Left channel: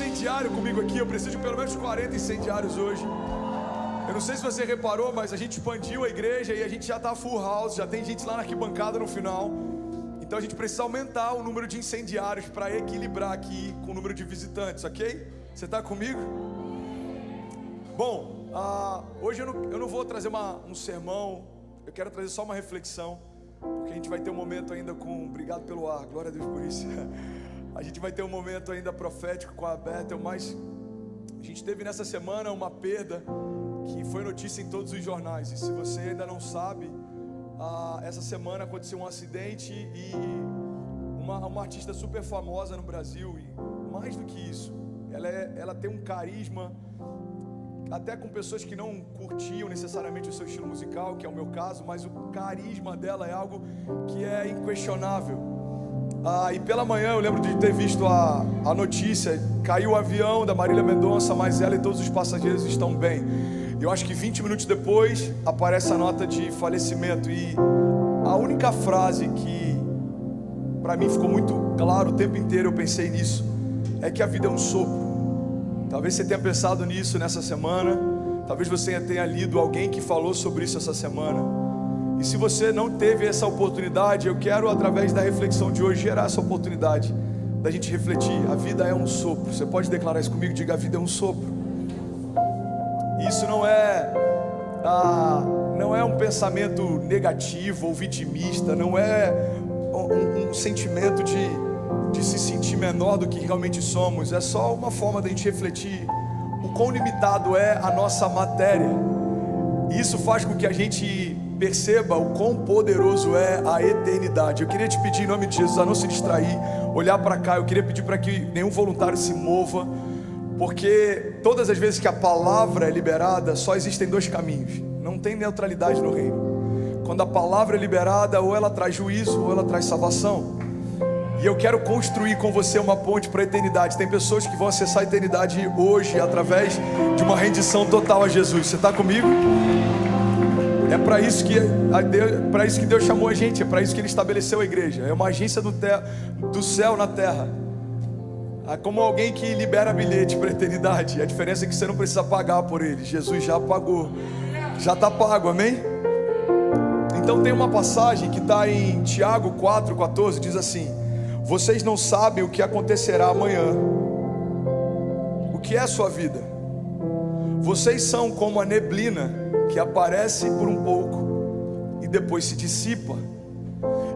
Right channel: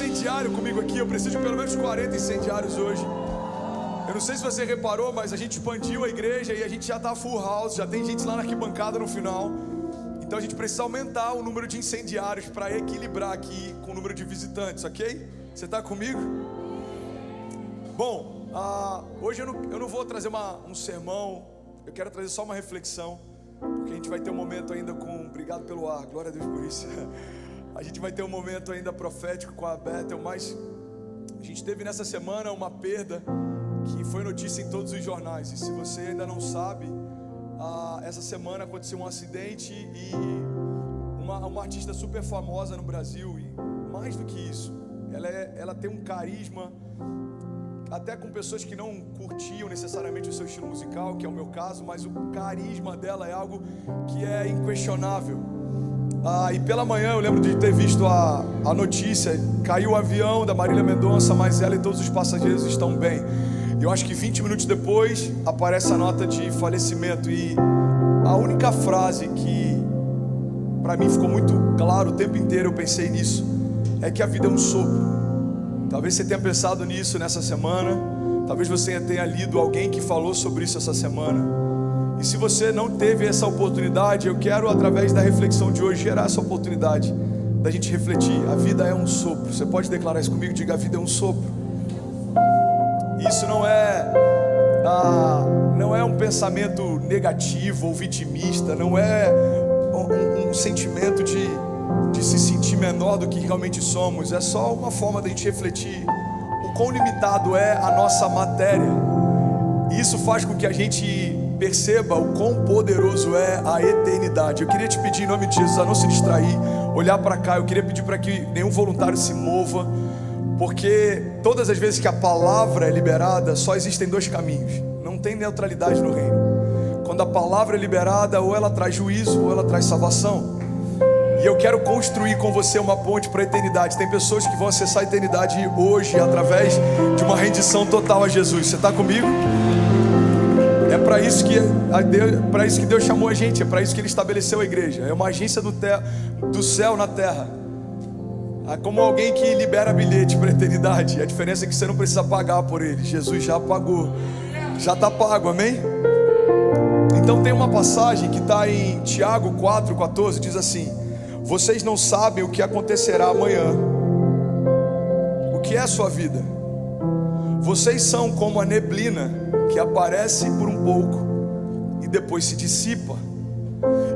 incendiário comigo aqui. Eu preciso de pelo menos 40 incendiários hoje. Eu não sei se você reparou, mas a gente expandiu a igreja e a gente já tá full house. Já tem gente lá na arquibancada no final. Então a gente precisa aumentar o número de incendiários para equilibrar aqui com o número de visitantes, ok? Você tá comigo? Bom, hoje eu não vou trazer um sermão. Eu quero trazer só uma reflexão, porque a gente vai ter um momento ainda com... Obrigado pelo ar, glória a Deus por isso. A gente vai ter um momento ainda profético com a Bethel, mas a gente teve nessa semana uma perda que foi notícia em todos os jornais. E se você ainda não sabe, essa semana aconteceu um acidente e uma artista super famosa no Brasil. E mais do que isso, ela tem um carisma, até com pessoas que não curtiam necessariamente o seu estilo musical, que é o meu caso, mas o carisma dela é algo que é inquestionável. E pela manhã eu lembro de ter visto a notícia: caiu o avião da Marília Mendonça, mas ela e todos os passageiros estão bem. E eu acho que 20 minutos depois aparece a nota de falecimento. E a única frase que para mim ficou muito claro o tempo inteiro, eu pensei nisso, é que a vida é um sopro. Talvez você tenha pensado nisso nessa semana. Talvez você tenha lido alguém que falou sobre isso essa semana. E se você não teve essa oportunidade, eu quero, através da reflexão de hoje, gerar essa oportunidade da gente refletir. A vida é um sopro. Você pode declarar isso comigo? Diga: a vida é um sopro. Isso não é um pensamento negativo ou vitimista. Não é um sentimento de se sentir menor do que realmente somos. É só uma forma da gente refletir o quão limitado é a nossa matéria. E isso faz com que a gente perceba o quão poderoso é a eternidade. Eu queria te pedir, em nome de Jesus, a não se distrair, olhar para cá. Eu queria pedir para que nenhum voluntário se mova, porque todas as vezes que a palavra é liberada, só existem dois caminhos. Não tem neutralidade no reino. Quando a palavra é liberada, ou ela traz juízo, ou ela traz salvação. E eu quero construir com você uma ponte para a eternidade. Tem pessoas que vão acessar a eternidade hoje através de uma rendição total a Jesus. Você está comigo? É para isso que Deus chamou a gente. É para isso que Ele estabeleceu a igreja. É uma agência do céu na terra. É como alguém que libera bilhete para a eternidade. A diferença é que você não precisa pagar por ele. Jesus já pagou. Já está pago, amém? Então tem uma passagem que está em Tiago 4,14. Diz assim: vocês não sabem o que acontecerá amanhã. O que é a sua vida? Vocês são como a neblina que aparece por um pouco e depois se dissipa.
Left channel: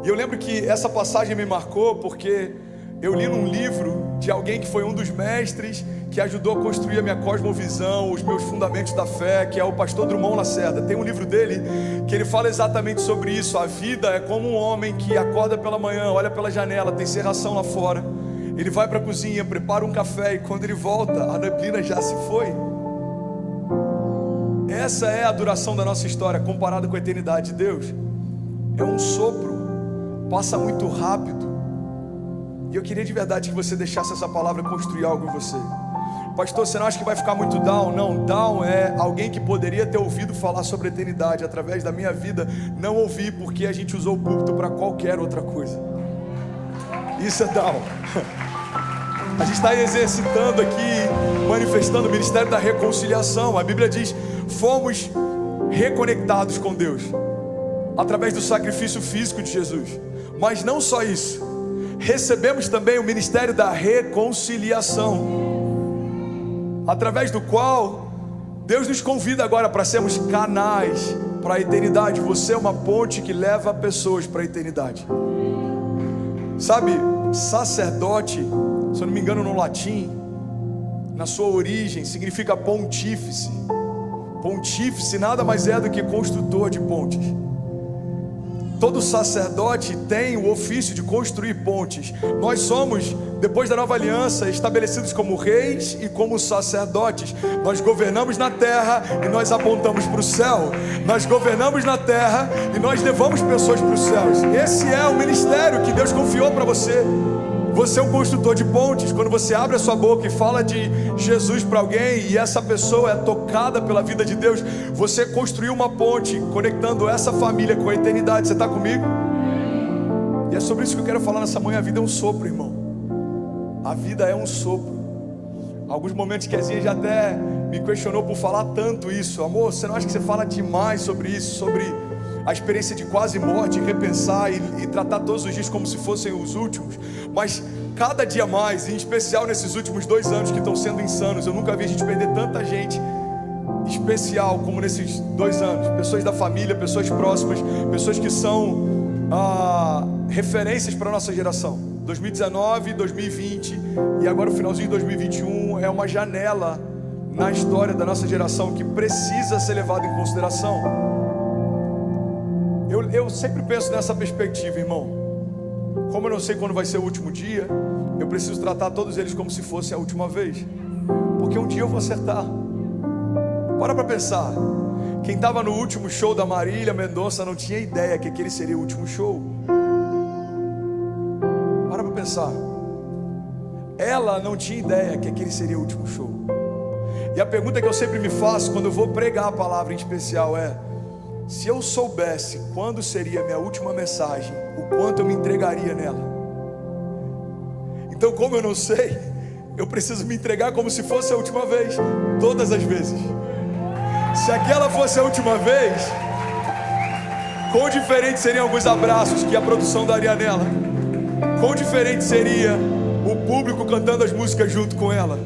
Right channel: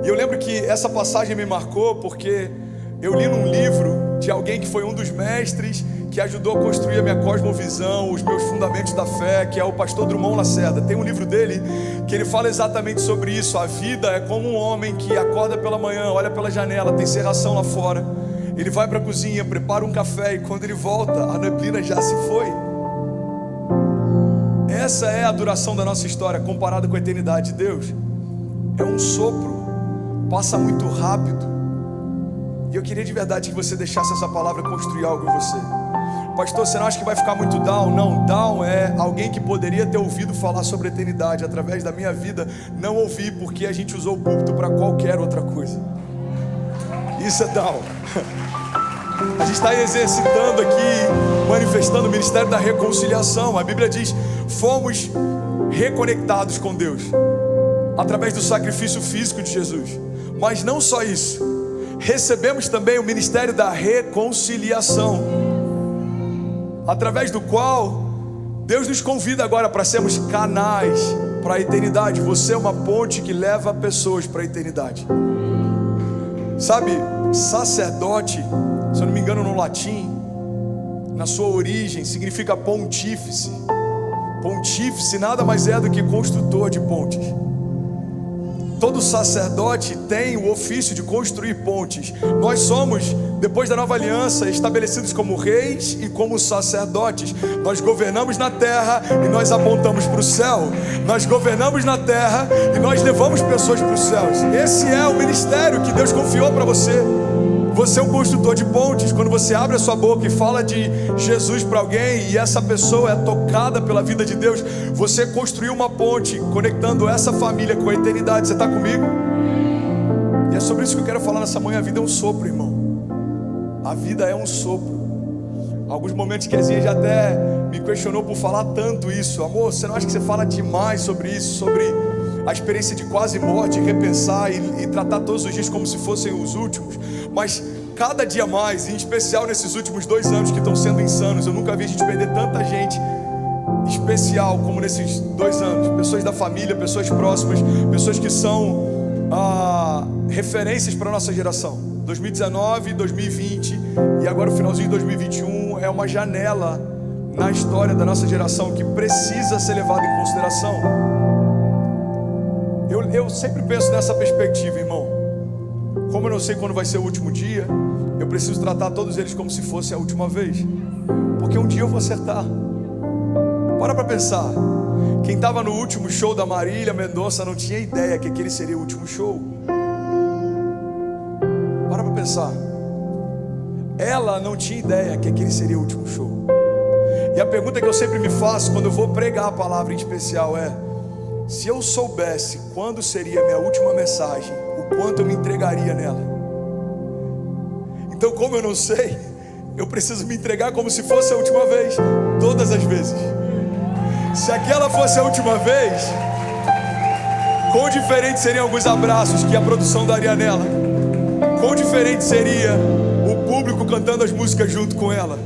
E eu lembro que essa passagem me marcou porque eu li num livro de alguém que foi um dos mestres que ajudou a construir a minha cosmovisão, os meus fundamentos da fé, que é o pastor Drummond Lacerda. Tem um livro dele que ele fala exatamente sobre isso. A vida é como um homem que acorda pela manhã, olha pela janela, tem serração lá fora, ele vai para a cozinha, prepara um café, e quando ele volta, a neblina já se foi. Essa é a duração da nossa história comparada com a eternidade de Deus. É um sopro, passa muito rápido. E eu queria de verdade que você deixasse essa palavra construir algo em você. Pastor, você não acha que vai ficar muito down? Não, down é alguém que poderia ter ouvido falar sobre a eternidade. Através da minha vida, não ouvi, porque a gente usou o púlpito para qualquer outra coisa. Isso é down. A gente está exercitando aqui, manifestando o ministério da reconciliação. A Bíblia diz: fomos reconectados com Deus através do sacrifício físico de Jesus. Mas não só isso, recebemos também o ministério da reconciliação, através do qual Deus nos convida agora para sermos canais para a eternidade. Você é uma ponte que leva pessoas para a eternidade. Sabe, sacerdote, se eu não me engano, no latim, na sua origem, significa pontífice. Pontífice nada mais é do que construtor de pontes. Todo sacerdote tem o ofício de construir pontes. Nós somos, depois da nova aliança, estabelecidos como reis e como sacerdotes. Nós governamos na terra e nós apontamos para o céu. Nós governamos na terra e nós levamos pessoas para os céus. Esse é o ministério que Deus confiou para você. Você é um construtor de pontes. Quando você abre a sua boca e fala de Jesus para alguém e essa pessoa é tocada pela vida de Deus, você construiu uma ponte conectando essa família com a eternidade. Você está comigo? E é sobre isso que eu quero falar nessa manhã. A vida é um sopro, irmão. A vida é um sopro. Alguns momentos que a Zinha já até me questionou por falar tanto isso. Amor, você não acha que você fala demais sobre isso, sobre a experiência de quase morte, repensar e tratar todos os dias como se fossem os últimos? Mas cada dia mais, em especial nesses últimos 2 anos que estão sendo insanos, eu nunca vi a gente perder tanta gente especial como nesses 2 anos. Pessoas da família, pessoas próximas, pessoas que são referências para a nossa geração. 2019, 2020 e agora o finalzinho de 2021 é uma janela na história da nossa geração que precisa ser levada em consideração. Eu sempre penso nessa perspectiva, irmão. Como eu não sei quando vai ser o último dia, eu preciso tratar todos eles como se fosse a última vez, porque um dia eu vou acertar. Para pensar. Quem estava no último show da Marília Mendonça não tinha ideia que aquele seria o último show. Para pensar. Ela não tinha ideia que aquele seria o último show. E a pergunta que eu sempre me faço quando eu vou pregar a palavra em especial é: se eu soubesse quando seria a minha última mensagem, o quanto eu me entregaria nela? Então, como eu não sei, eu preciso me entregar como se fosse a última vez, todas as vezes. Se aquela fosse a última vez, quão diferente seriam alguns abraços que a produção daria nela? Quão diferente seria o público cantando as músicas junto com ela?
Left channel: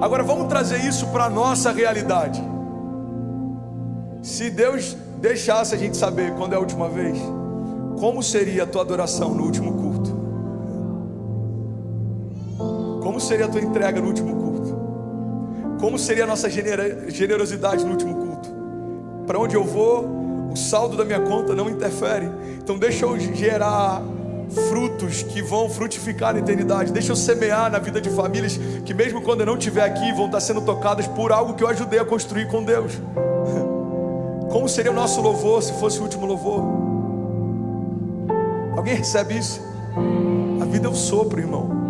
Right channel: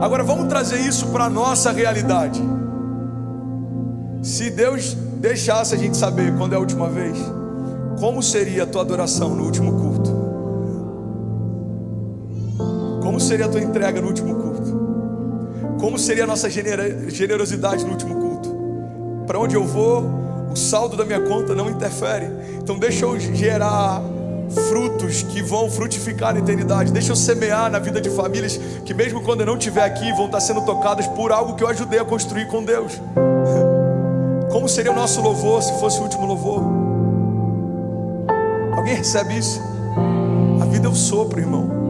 Agora vamos trazer isso para a nossa realidade. Se Deus deixasse a gente saber quando é a última vez, como seria a tua adoração no último culto? Como seria a tua entrega no último culto? Como seria a nossa generosidade no último culto? Para onde eu vou, o saldo da minha conta não interfere. Então deixa eu gerar frutos que vão frutificar na eternidade. Deixa eu semear na vida de famílias que mesmo quando eu não estiver aqui, vão estar sendo tocadas por algo que eu ajudei a construir com Deus. Como seria o nosso louvor se fosse o último louvor? Alguém recebe isso? A vida é um sopro, irmão.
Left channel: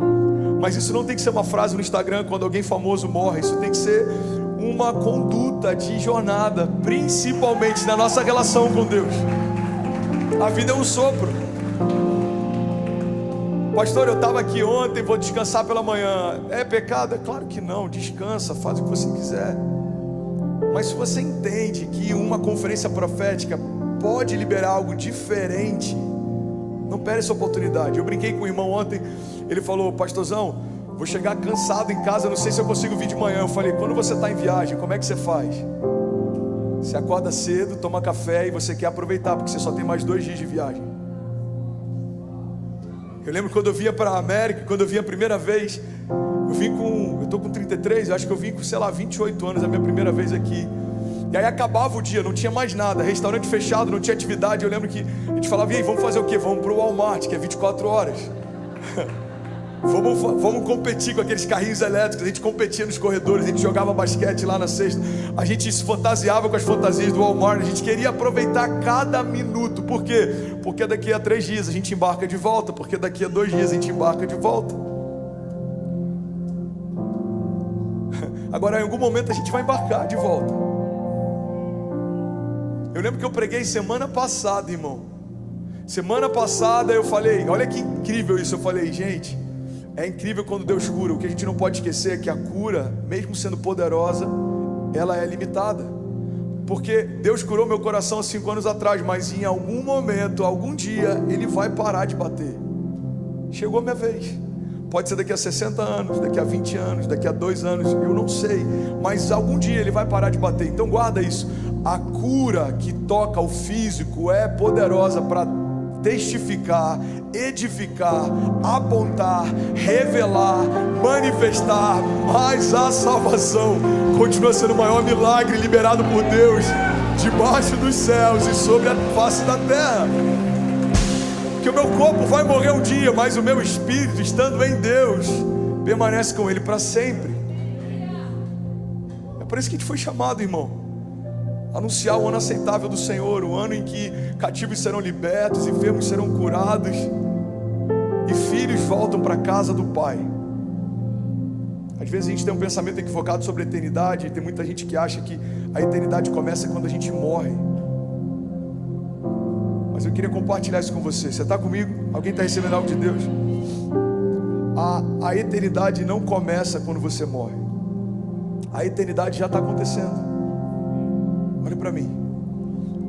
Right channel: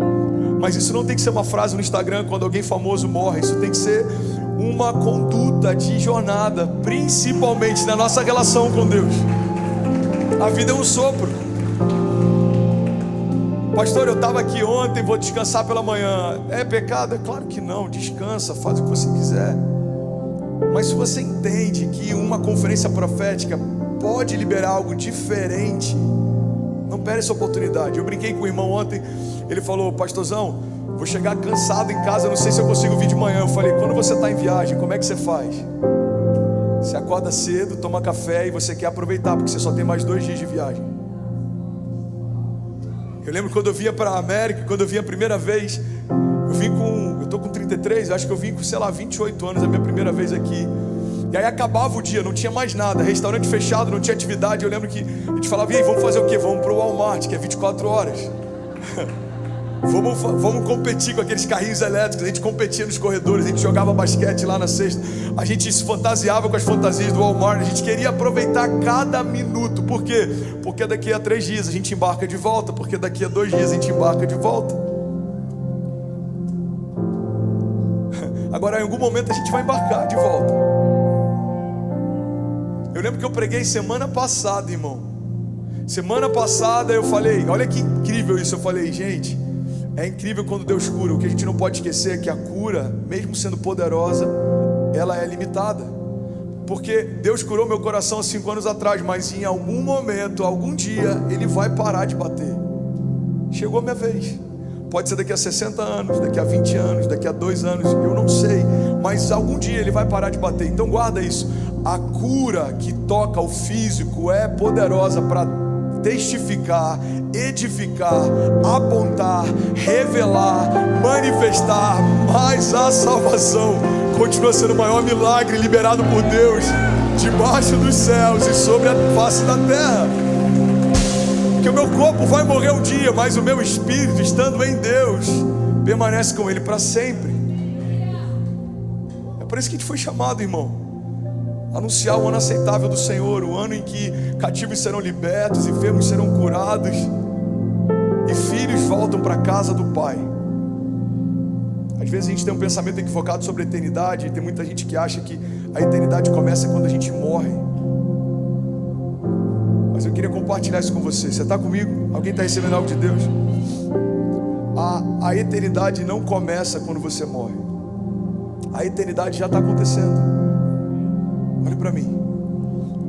Mas isso não tem que ser uma frase no Instagram quando alguém famoso morre. Isso tem que ser uma conduta de jornada, principalmente na nossa relação com Deus. A vida é um sopro. Pastor, eu estava aqui ontem, vou descansar pela manhã. É pecado? É claro que não. Descansa, faz o que você quiser. Mas se você entende que uma conferência profética pode liberar algo diferente, não perde essa oportunidade. Eu brinquei com o irmão ontem. Ele falou: pastorzão, vou chegar cansado em casa, não sei se eu consigo vir de manhã. Eu falei: quando você está em viagem, como é que você faz? Você acorda cedo, toma café e você quer aproveitar, porque você só tem mais 2 dias de viagem. Eu lembro quando eu vinha para a América, quando eu vinha a primeira vez, eu estou com 33, acho que eu vim com, 28 anos, a minha primeira vez aqui. E aí acabava o dia, não tinha mais nada, restaurante fechado, não tinha atividade. Eu lembro que a gente falava: e aí, vamos fazer o quê? Vamos para o Walmart, que é 24 horas. Vamos competir com aqueles carrinhos elétricos. A gente competia nos corredores, a gente jogava basquete lá na sexta. A gente se fantasiava com as fantasias do Walmart. A gente queria aproveitar cada minuto. Por quê? Porque daqui a 3 dias a gente embarca de volta. Porque daqui a 2 dias a gente embarca de volta. Agora em algum momento a gente vai embarcar de volta. Eu lembro que eu preguei semana passada, irmão. Semana passada eu falei, olha que incrível isso. Eu falei: gente, é incrível quando Deus cura. O que a gente não pode esquecer é que a cura, mesmo sendo poderosa, ela é limitada. Porque Deus curou meu coração há 5 anos atrás, mas em algum momento, algum dia, Ele vai parar de bater. Chegou a minha vez. Pode ser daqui a 60 anos, daqui a 20 anos, daqui a 2 anos, eu não sei. Mas algum dia Ele vai parar de bater. Então guarda isso. A cura que toca o físico é poderosa para testificar, edificar, apontar, revelar, manifestar. Mas a salvação continua sendo o maior milagre liberado por Deus debaixo dos céus e sobre a face da terra. Porque o meu corpo vai morrer um dia, mas o meu espírito, estando em Deus, permanece com Ele para sempre. É por isso que a gente foi chamado, irmão. Anunciar o ano aceitável do Senhor, o ano em que cativos serão libertos, enfermos serão curados e filhos voltam para a casa do Pai. Às vezes a gente tem um pensamento equivocado sobre a eternidade, e tem muita gente que acha que a eternidade começa quando a gente morre. Mas eu queria compartilhar isso com você. Você está comigo? Alguém está recebendo algo de Deus? A eternidade não começa quando você morre. A eternidade já está acontecendo. Olha para mim.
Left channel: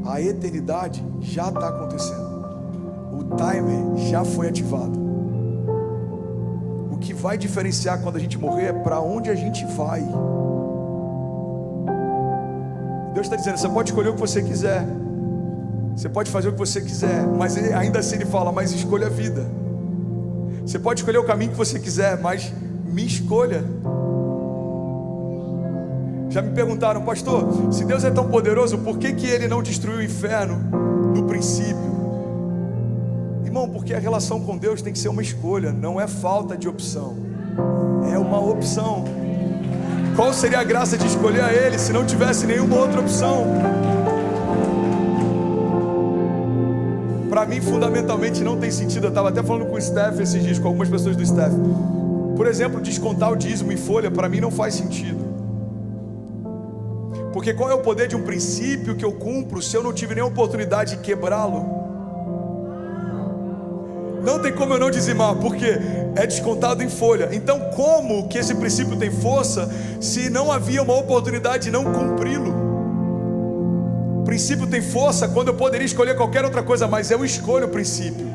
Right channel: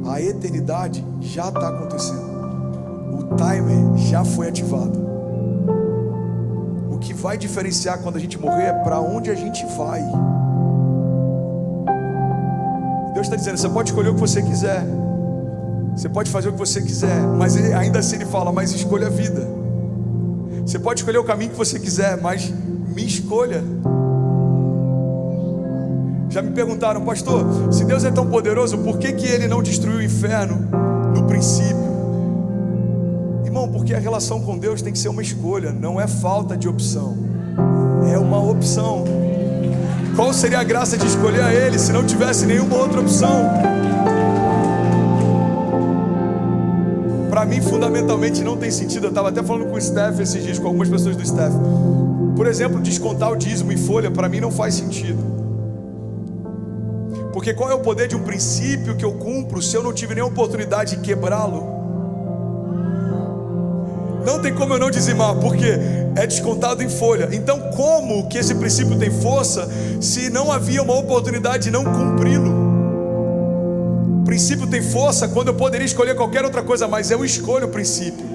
A eternidade já está acontecendo. O timer já foi ativado. O que vai diferenciar quando a gente morrer é para onde a gente vai. Deus está dizendo, você pode escolher o que você quiser, você pode fazer o que você quiser, mas ainda assim Ele fala, mas escolha a vida. Você pode escolher o caminho que você quiser, mas me escolha. Já me perguntaram, pastor, se Deus é tão poderoso, por que Ele não destruiu o inferno no princípio? Irmão, porque a relação com Deus tem que ser uma escolha, não é falta de opção, é uma opção. Qual seria a graça de escolher a Ele se não tivesse nenhuma outra opção? Para mim, fundamentalmente, não tem sentido. Eu estava até falando com o Steph esses dias, com algumas pessoas do Steph. Por exemplo, descontar o dízimo em folha, para mim não faz sentido. Porque qual é o poder de um princípio que eu cumpro se eu não tive nenhuma oportunidade de quebrá-lo? Não tem como eu não dizimar, porque é descontado em folha. Então como que esse princípio tem força se não havia uma oportunidade de não cumpri-lo? O princípio tem força quando eu poderia escolher qualquer outra coisa, mas eu escolho o princípio.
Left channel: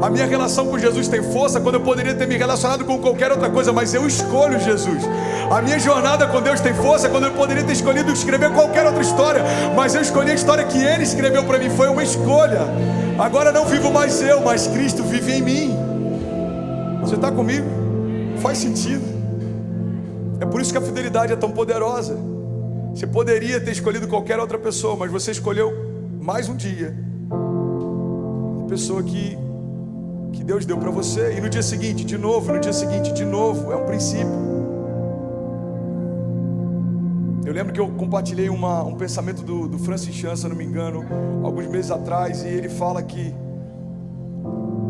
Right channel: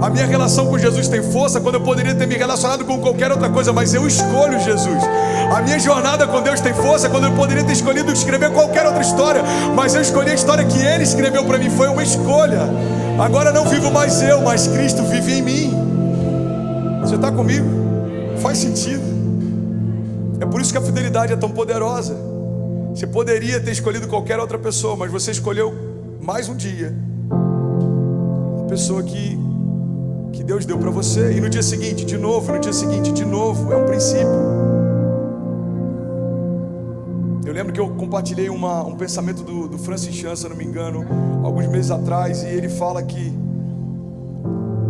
A minha relação com Jesus tem força quando eu poderia ter me relacionado com qualquer outra coisa, mas eu escolho Jesus. A minha jornada com Deus tem força quando eu poderia ter escolhido escrever qualquer outra história, mas eu escolhi a história que Ele escreveu para mim. Foi uma escolha. Agora não vivo mais eu, mas Cristo vive em mim. Você está comigo? Faz sentido. É por isso que a fidelidade é tão poderosa. Você poderia ter escolhido qualquer outra pessoa, mas você escolheu mais um dia a pessoa que Deus deu para você. E no dia seguinte, de novo, no dia seguinte, de novo. É um princípio. Eu lembro que eu compartilhei um pensamento do Francis Chan, se eu não me engano, alguns meses atrás, e ele fala que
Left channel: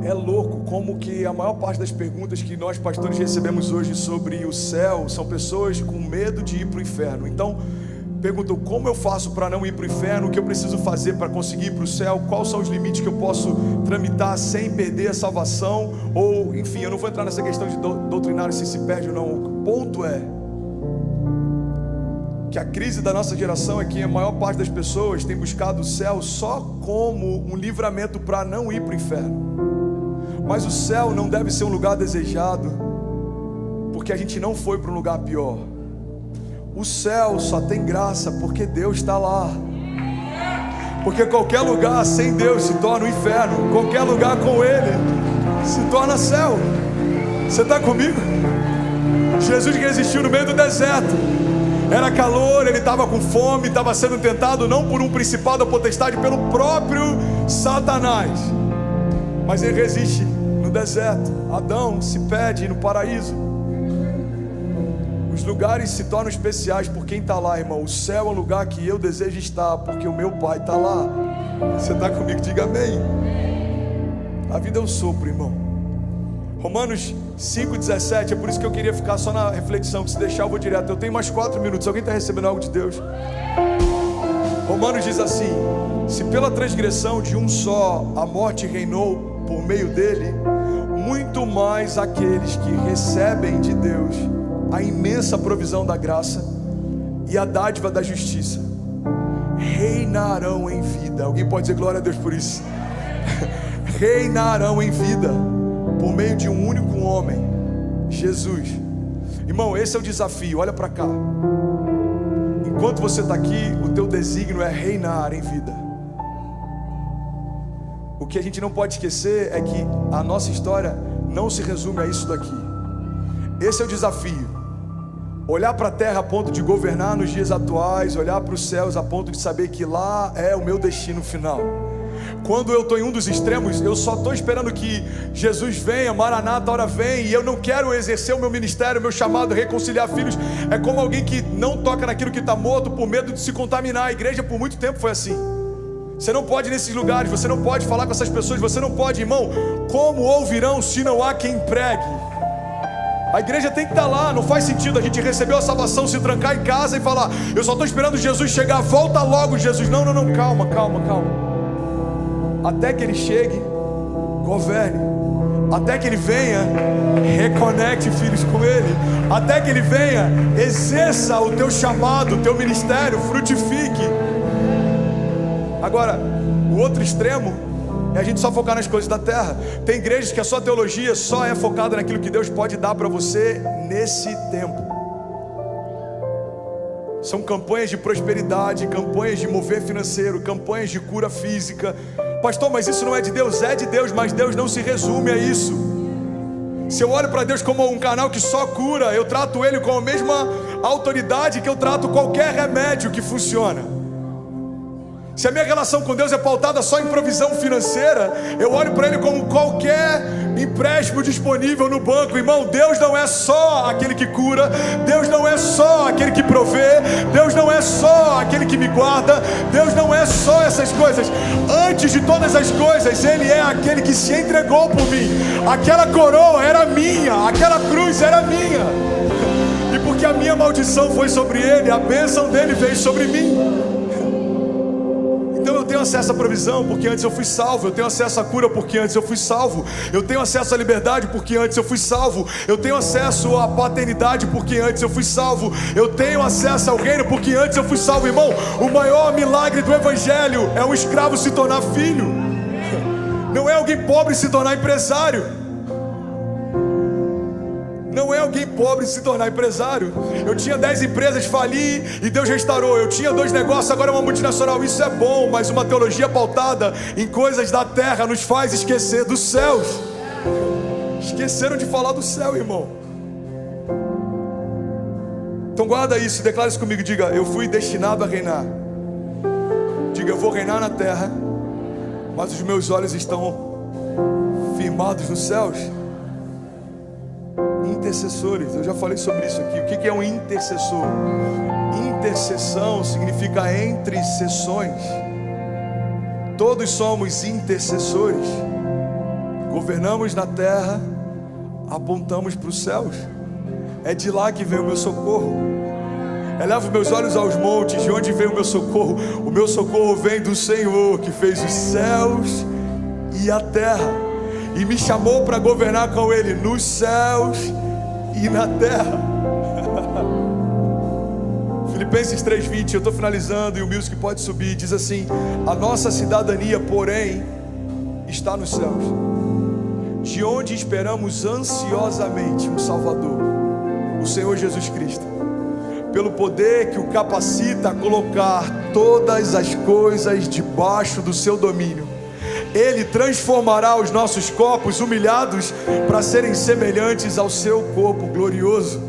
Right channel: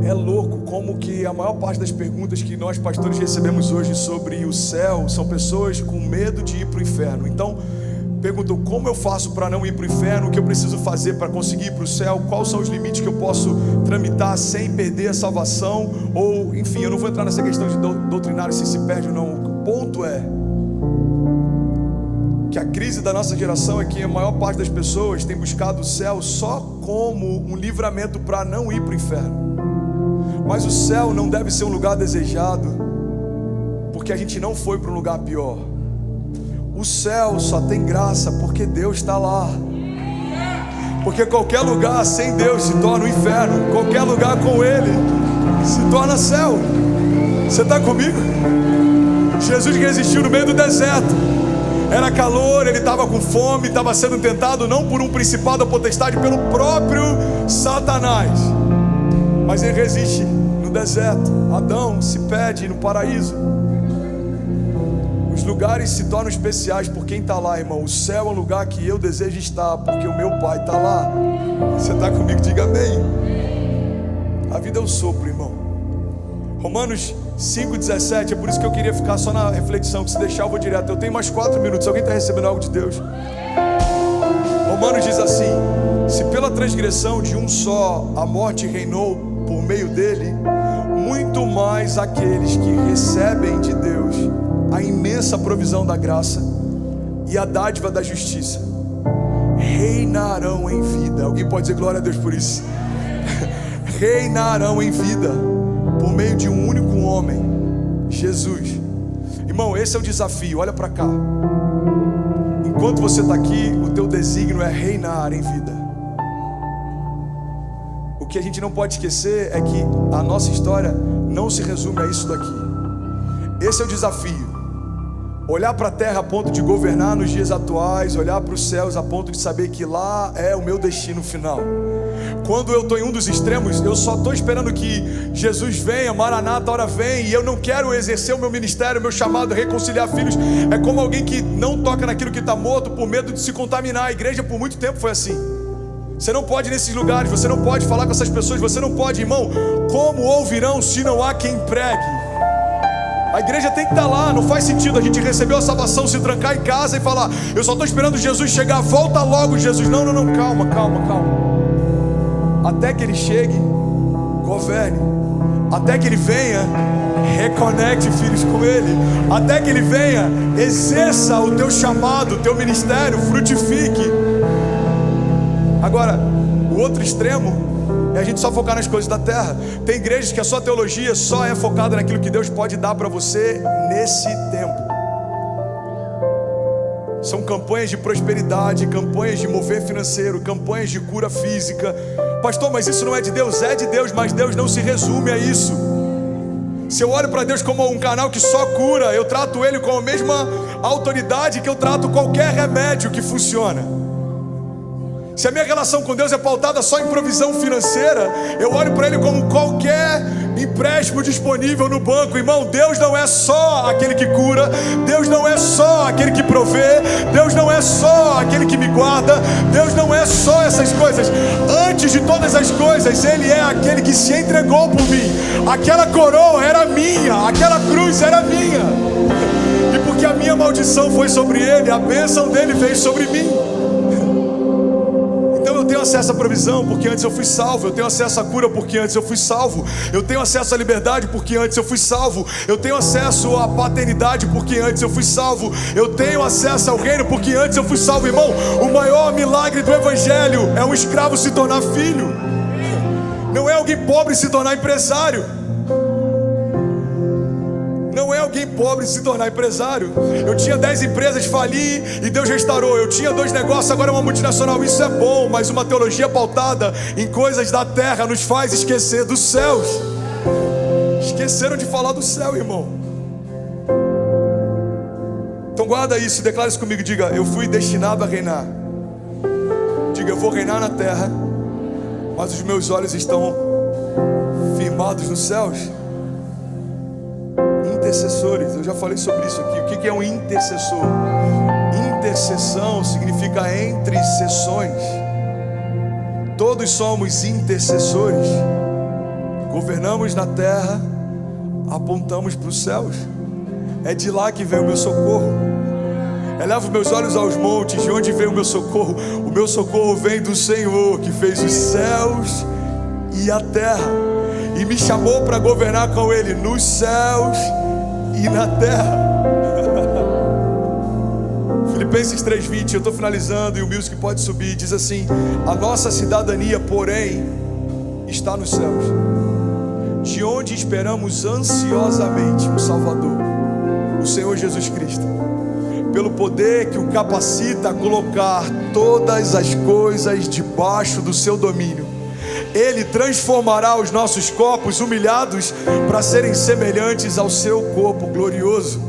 é louco como que a maior parte das perguntas que nós pastores recebemos hoje sobre o céu são pessoas com medo de ir para o inferno. Então perguntam, como eu faço para não ir para o inferno? O que eu preciso fazer para conseguir ir para o céu? Quais são os limites que eu posso tramitar sem perder a salvação? Ou, enfim, eu não vou entrar nessa questão de doutrinário se perde ou não. O ponto é que a crise da nossa geração é que a maior parte das pessoas tem buscado o céu só como um livramento para não ir para o inferno. Mas o céu não deve ser um lugar desejado porque a gente não foi para um lugar pior. O céu só tem graça porque Deus está lá. Porque qualquer lugar sem Deus se torna um inferno. Qualquer lugar com Ele se torna céu. Você está comigo? Jesus resistiu no meio do deserto. Era calor, ele estava com fome, estava sendo tentado não por um principado ou potestade, pelo próprio Satanás. Mas ele resiste no deserto. Adão se perde no paraíso. Os lugares se tornam especiais por quem está lá, irmão. O céu é um lugar que eu desejo estar, porque o meu Pai está lá. Você está comigo? Diga amém. A vida é um sopro, irmão. Romanos 5,17, é por isso que eu queria ficar só na reflexão, que se deixar eu vou direto. Eu tenho mais 4 minutos, alguém está recebendo algo de Deus? Romanos diz assim: se pela transgressão de um só a morte reinou por meio dele, muito mais aqueles que recebem de Deus a imensa provisão da graça e a dádiva da justiça reinarão em vida. Alguém pode dizer glória a Deus por isso? Reinarão em vida por meio de um único homem, Jesus. Irmão, esse é o desafio. Olha para cá. Enquanto você está aqui, o teu desígnio é reinar em vida. O que a gente não pode esquecer é que a nossa história não se resume a isso daqui. Esse é o desafio. Olhar para a terra a ponto de governar nos dias atuais, olhar para os céus a ponto de saber que lá é o meu destino final. Quando eu estou em um dos extremos, eu só estou esperando que Jesus venha, Maranata, a hora vem, e eu não quero exercer o meu ministério, o meu chamado, reconciliar filhos. É como alguém que não toca naquilo que está morto por medo de se contaminar. A igreja por muito tempo foi assim. Você não pode ir nesses lugares, você não pode falar com essas pessoas, você não pode, irmão. Como ouvirão se não há quem pregue? A igreja tem que estar lá. Não faz sentido a gente receber a salvação, se trancar em casa e falar: eu só estou esperando Jesus chegar, volta logo Jesus. Não, calma. Até que Ele chegue, governe. Até que Ele venha, Reconecte, filhos, com Ele, até que Ele venha. Exerça o teu chamado, o teu ministério, frutifique. Agora, o outro extremo é a gente só focar nas coisas da terra. Tem igrejas que a sua teologia só é focada naquilo que Deus pode dar para você nesse tempo. São campanhas de prosperidade, campanhas de mover financeiro, campanhas de cura física. Pastor, mas isso não é de Deus? É de Deus, mas Deus não se resume a isso. Se eu olho para Deus como um canal que só cura, eu trato Ele com a mesma autoridade que eu trato qualquer remédio que funciona. Se a minha relação com Deus é pautada só em provisão financeira, eu olho para Ele como qualquer empréstimo disponível no banco. Irmão, Deus não é só aquele que cura, Deus não é só aquele que provê, Deus não é só aquele que me guarda, Deus não é só essas coisas. Antes de todas as coisas, Ele é aquele que se entregou por mim. Aquela coroa era minha, aquela cruz era minha, e porque a minha maldição foi sobre Ele, a bênção dele veio sobre mim. Então eu tenho acesso à provisão porque antes eu fui salvo. Eu tenho acesso à cura porque antes eu fui salvo. Eu tenho acesso à liberdade porque antes eu fui salvo. Eu tenho acesso à paternidade porque antes eu fui salvo. Eu tenho acesso ao reino porque antes eu fui salvo. Irmão, o maior milagre do evangelho é um escravo se tornar filho. Não é alguém pobre se tornar empresário. Não é alguém pobre se tornar empresário. Eu tinha 10 empresas, fali e Deus restaurou. Eu tinha 2 negócios, agora é uma multinacional. Isso é bom, mas uma teologia pautada em coisas da terra nos faz esquecer dos céus. Esqueceram de falar do céu, irmão. Então guarda isso, declara isso comigo. Diga, eu fui destinado a reinar. Diga, eu vou reinar na terra, mas os meus olhos estão firmados nos céus. Intercessores, eu já falei sobre isso aqui. O que é um intercessor? Intercessão significa entre sessões. Todos somos intercessores. Governamos na terra, apontamos para os céus. É de lá que vem o meu socorro. Elevo meus olhos aos montes, de onde vem o meu socorro? O meu socorro vem do Senhor, que fez os céus e a terra, e me chamou para governar com Ele nos céus e na terra. Filipenses 3:20, eu estou finalizando e o music pode subir. Diz assim: a nossa cidadania, porém, está nos céus, de onde esperamos ansiosamente um Salvador, o Senhor Jesus Cristo, pelo poder que o capacita a colocar todas as coisas debaixo do seu domínio. Ele transformará os nossos corpos humilhados para serem semelhantes ao seu corpo glorioso.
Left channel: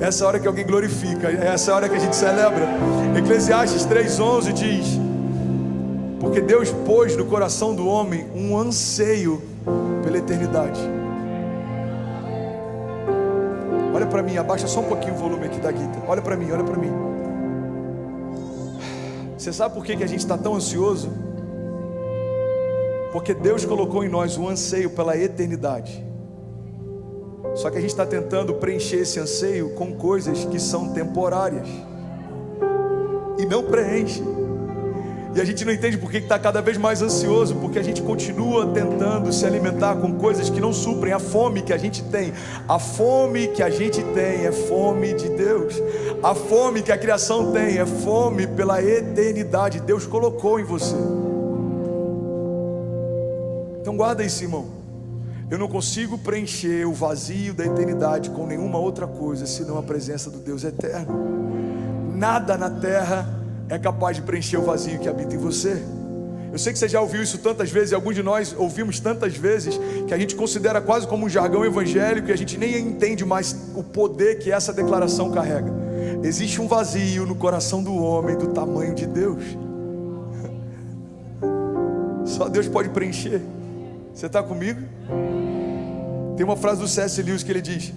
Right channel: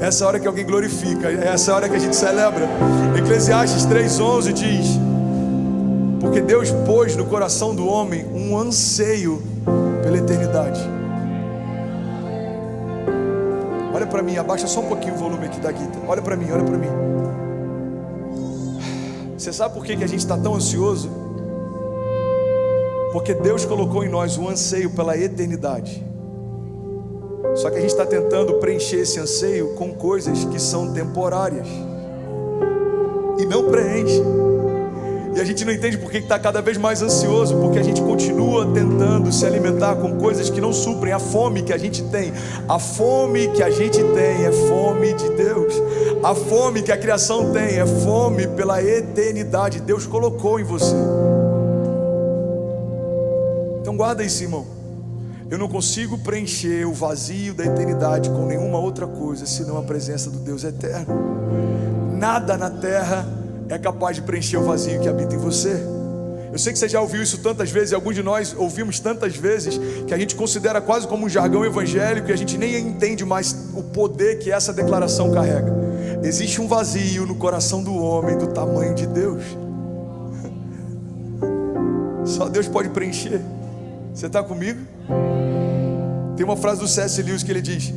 Essa é a hora que alguém glorifica, essa é a hora que a gente celebra. Eclesiastes 3:11 diz: porque Deus pôs no coração do homem um anseio pela eternidade. Olha para mim, abaixa só um pouquinho o volume aqui da guitarra. Olha para mim, olha para mim. Você sabe por que a gente está tão ansioso? Porque Deus colocou em nós um anseio pela eternidade. Só que a gente está tentando preencher esse anseio com coisas que são temporárias e não preenche. E a gente não entende porque está cada vez mais ansioso, porque a gente continua tentando se alimentar com coisas que não suprem a fome que a gente tem. A fome que a gente tem é fome de Deus. A fome que a criação tem é fome pela eternidade. Deus colocou em você. Então guarda isso, irmão. Eu não consigo preencher o vazio da eternidade com nenhuma outra coisa senão a presença do Deus eterno. Nada na terra é capaz de preencher o vazio que habita em você. Eu sei que você já ouviu isso tantas vezes, e alguns de nós ouvimos tantas vezes, que a gente considera quase como um jargão evangélico, e a gente nem entende mais o poder que essa declaração carrega. Existe um vazio no coração do homem do tamanho de Deus. Só Deus pode preencher. Você está comigo? Tem uma frase do C.S. Lewis que ele diz:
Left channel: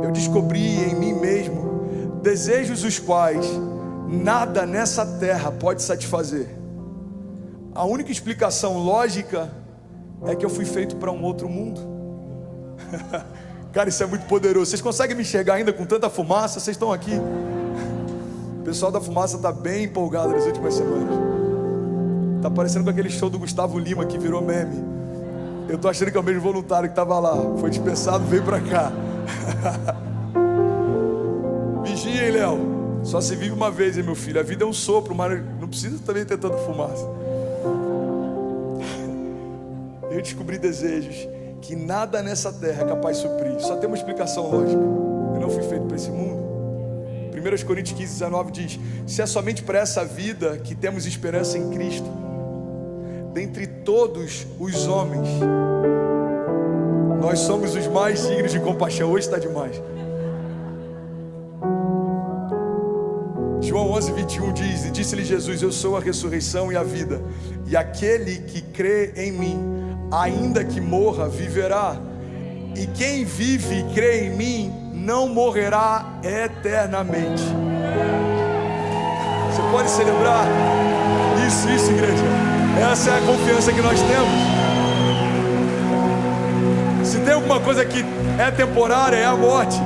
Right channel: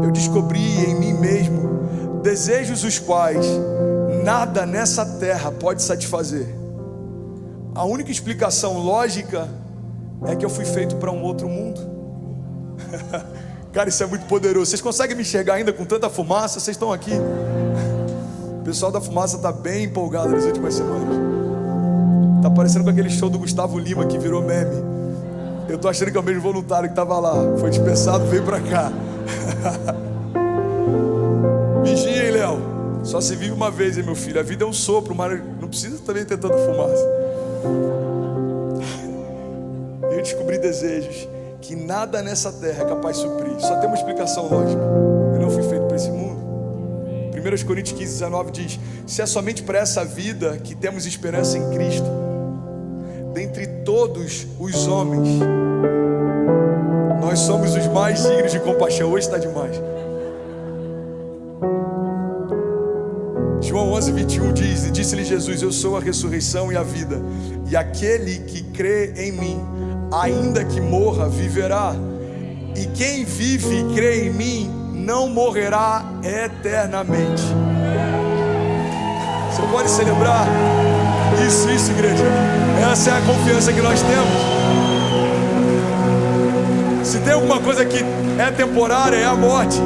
eu descobri em mim mesmo desejos os quais nada nessa terra pode satisfazer. A única explicação lógica é que eu fui feito para um outro mundo. Cara, isso é muito poderoso. Vocês conseguem me enxergar ainda com tanta fumaça? Vocês estão aqui? O pessoal da fumaça está bem empolgado nas últimas semanas. Está parecendo com aquele show do Gustavo Lima que virou meme. Eu tô achando que é o mesmo voluntário que estava lá. Foi dispensado, veio para cá. Vigia, hein, Léo? Só se vive uma vez, hein, meu filho? A vida é um sopro, mas não precisa também ter tanta fumaça. Eu descobri desejos que nada nessa terra é capaz de suprir. Só tem uma explicação lógica. Eu não fui feito para esse mundo. 1 Coríntios 15, 19 diz: se é somente para essa vida que temos esperança em Cristo, dentre todos os homens, nós somos os mais dignos de compaixão. Hoje está demais. João 11, 21 diz: e disse-lhe Jesus: eu sou a ressurreição e a vida, e aquele que crê em mim, ainda que morra, viverá, e quem vive e crê em mim não morrerá eternamente. Você pode celebrar isso, igreja. Essa é a confiança que nós temos. Se tem alguma coisa que é temporária, é a morte.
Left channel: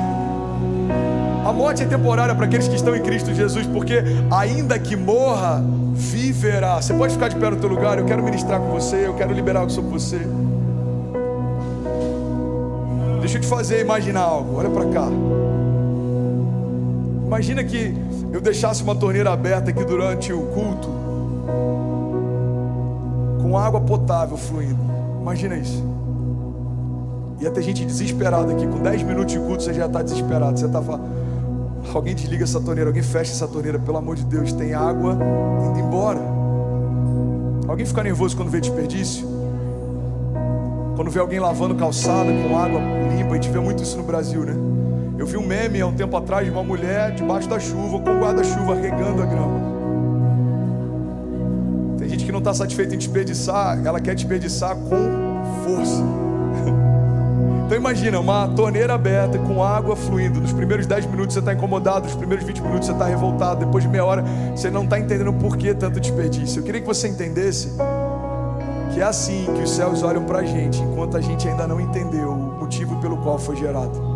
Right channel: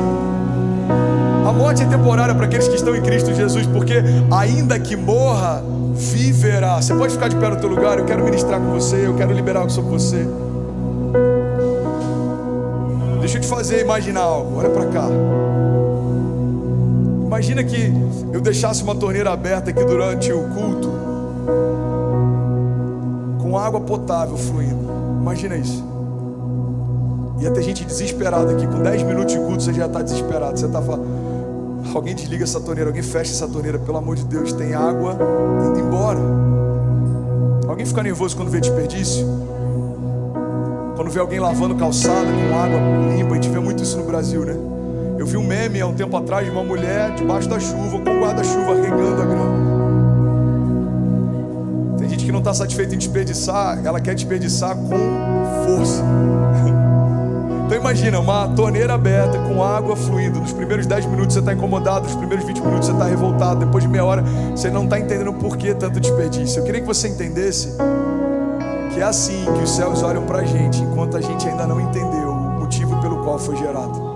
A morte é temporária para aqueles que estão em Cristo Jesus, porque ainda que morra, viverá. Você pode ficar de pé no teu lugar? Eu quero ministrar com você, eu quero liberar algo sobre você. Deixa eu te fazer imaginar algo. Olha para cá. Imagina que eu deixasse uma torneira aberta aqui durante o culto, com água potável fluindo. Imagina isso. Ia ter gente desesperada aqui. Com 10 minutos de culto você já está desesperado. Você está falando: alguém desliga essa torneira, alguém fecha essa torneira, pelo amor de Deus, tem água indo embora. Alguém fica nervoso quando vê desperdício? Quando vê alguém lavando calçada com água limpa? A gente vê muito isso no Brasil, né? Eu vi um meme há um tempo atrás de uma mulher debaixo da chuva, com guarda-chuva, regando a grama. Tem gente que não está satisfeita em desperdiçar, ela quer desperdiçar com força. Então imagina, uma torneira aberta com água fluindo. Nos primeiros 10 minutos você está incomodado, nos primeiros 20 minutos você está revoltado, depois de meia hora você não está entendendo por que tanto desperdício. Eu queria que você entendesse que é assim que os céus olham para a gente, enquanto a gente ainda não entendeu o motivo pelo qual foi gerado.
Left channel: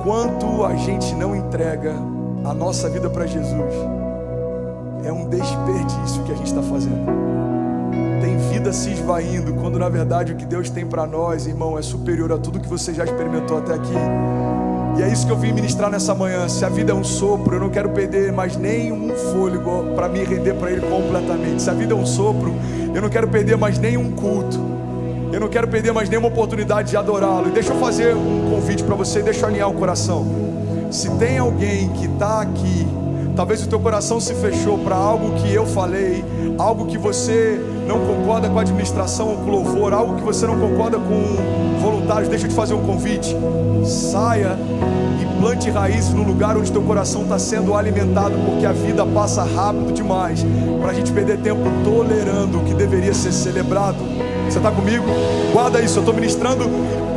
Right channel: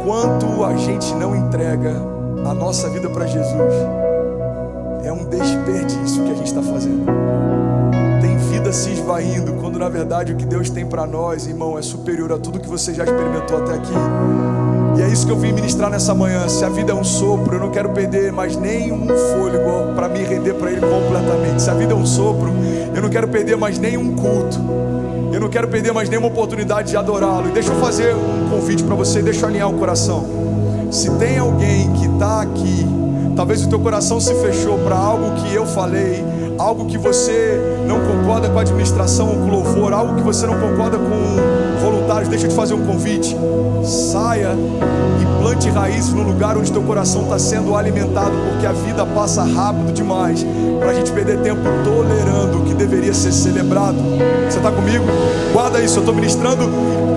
Enquanto a gente não entrega a nossa vida para Jesus, é um desperdício que a gente está fazendo. Tem vida se esvaindo, quando na verdade o que Deus tem para nós, irmão, é superior a tudo que você já experimentou até aqui. E é isso que eu vim ministrar nessa manhã. Se a vida é um sopro, eu não quero perder mais nenhum fôlego para me render para Ele completamente. Se a vida é um sopro, eu não quero perder mais nenhum culto, eu não quero perder mais nenhuma oportunidade de adorá-lo. E deixa eu fazer um convite para você, deixa eu alinhar o coração. Se tem alguém que está aqui, talvez o teu coração se fechou para algo que eu falei, algo que você não concorda com a administração ou com o louvor, algo que você não concorda com voluntários, deixa eu te fazer um convite. Saia e plante raízes no lugar onde teu coração está sendo alimentado, porque a vida passa rápido demais para a gente perder tempo tolerando o que deveria ser celebrado. Você está comigo? Guarda isso, eu estou ministrando.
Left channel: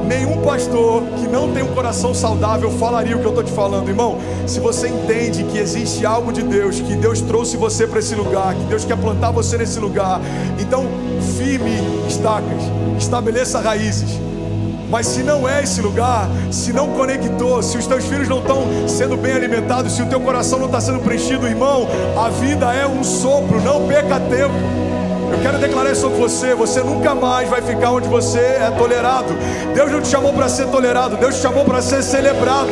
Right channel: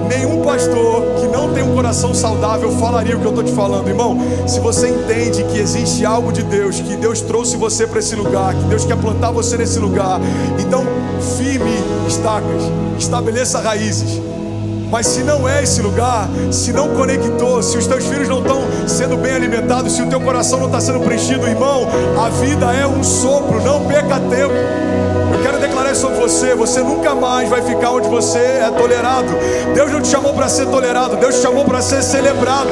Nenhum pastor que não tem um coração saudável falaria o que eu estou te falando, irmão. Se você entende que existe algo de Deus, que Deus trouxe você para esse lugar, que Deus quer plantar você nesse lugar, então firme estacas, estabeleça raízes. Mas se não é esse lugar, se não conectou, se os teus filhos não estão sendo bem alimentados, se o teu coração não está sendo preenchido, irmão, a vida é um sopro, não perca tempo. Eu quero declarar isso sobre você. Você nunca mais vai ficar onde você é tolerado. Deus não te chamou para ser tolerado, Deus te chamou para ser celebrado.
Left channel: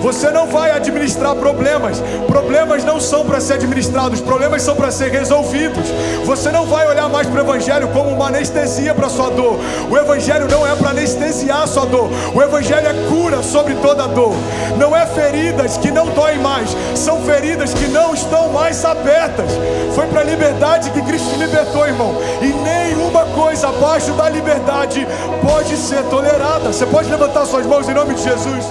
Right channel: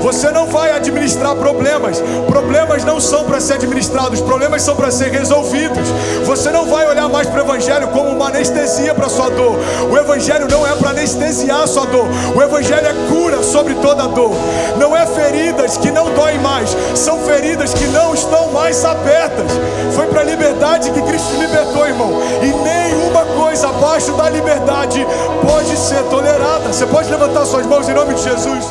Você não vai administrar problemas. Problemas não são para ser administrados, problemas são para ser resolvidos. Você não vai olhar mais para o Evangelho como uma anestesia para a sua dor. O Evangelho não é para anestesiar a sua dor. O Evangelho é cura sobre toda a dor. Não é feridas que não doem mais, são feridas que não estão mais abertas. Foi para a liberdade que Cristo te libertou, irmão. E nenhuma coisa abaixo da liberdade pode ser tolerada. Você pode levantar suas mãos em nome de Jesus?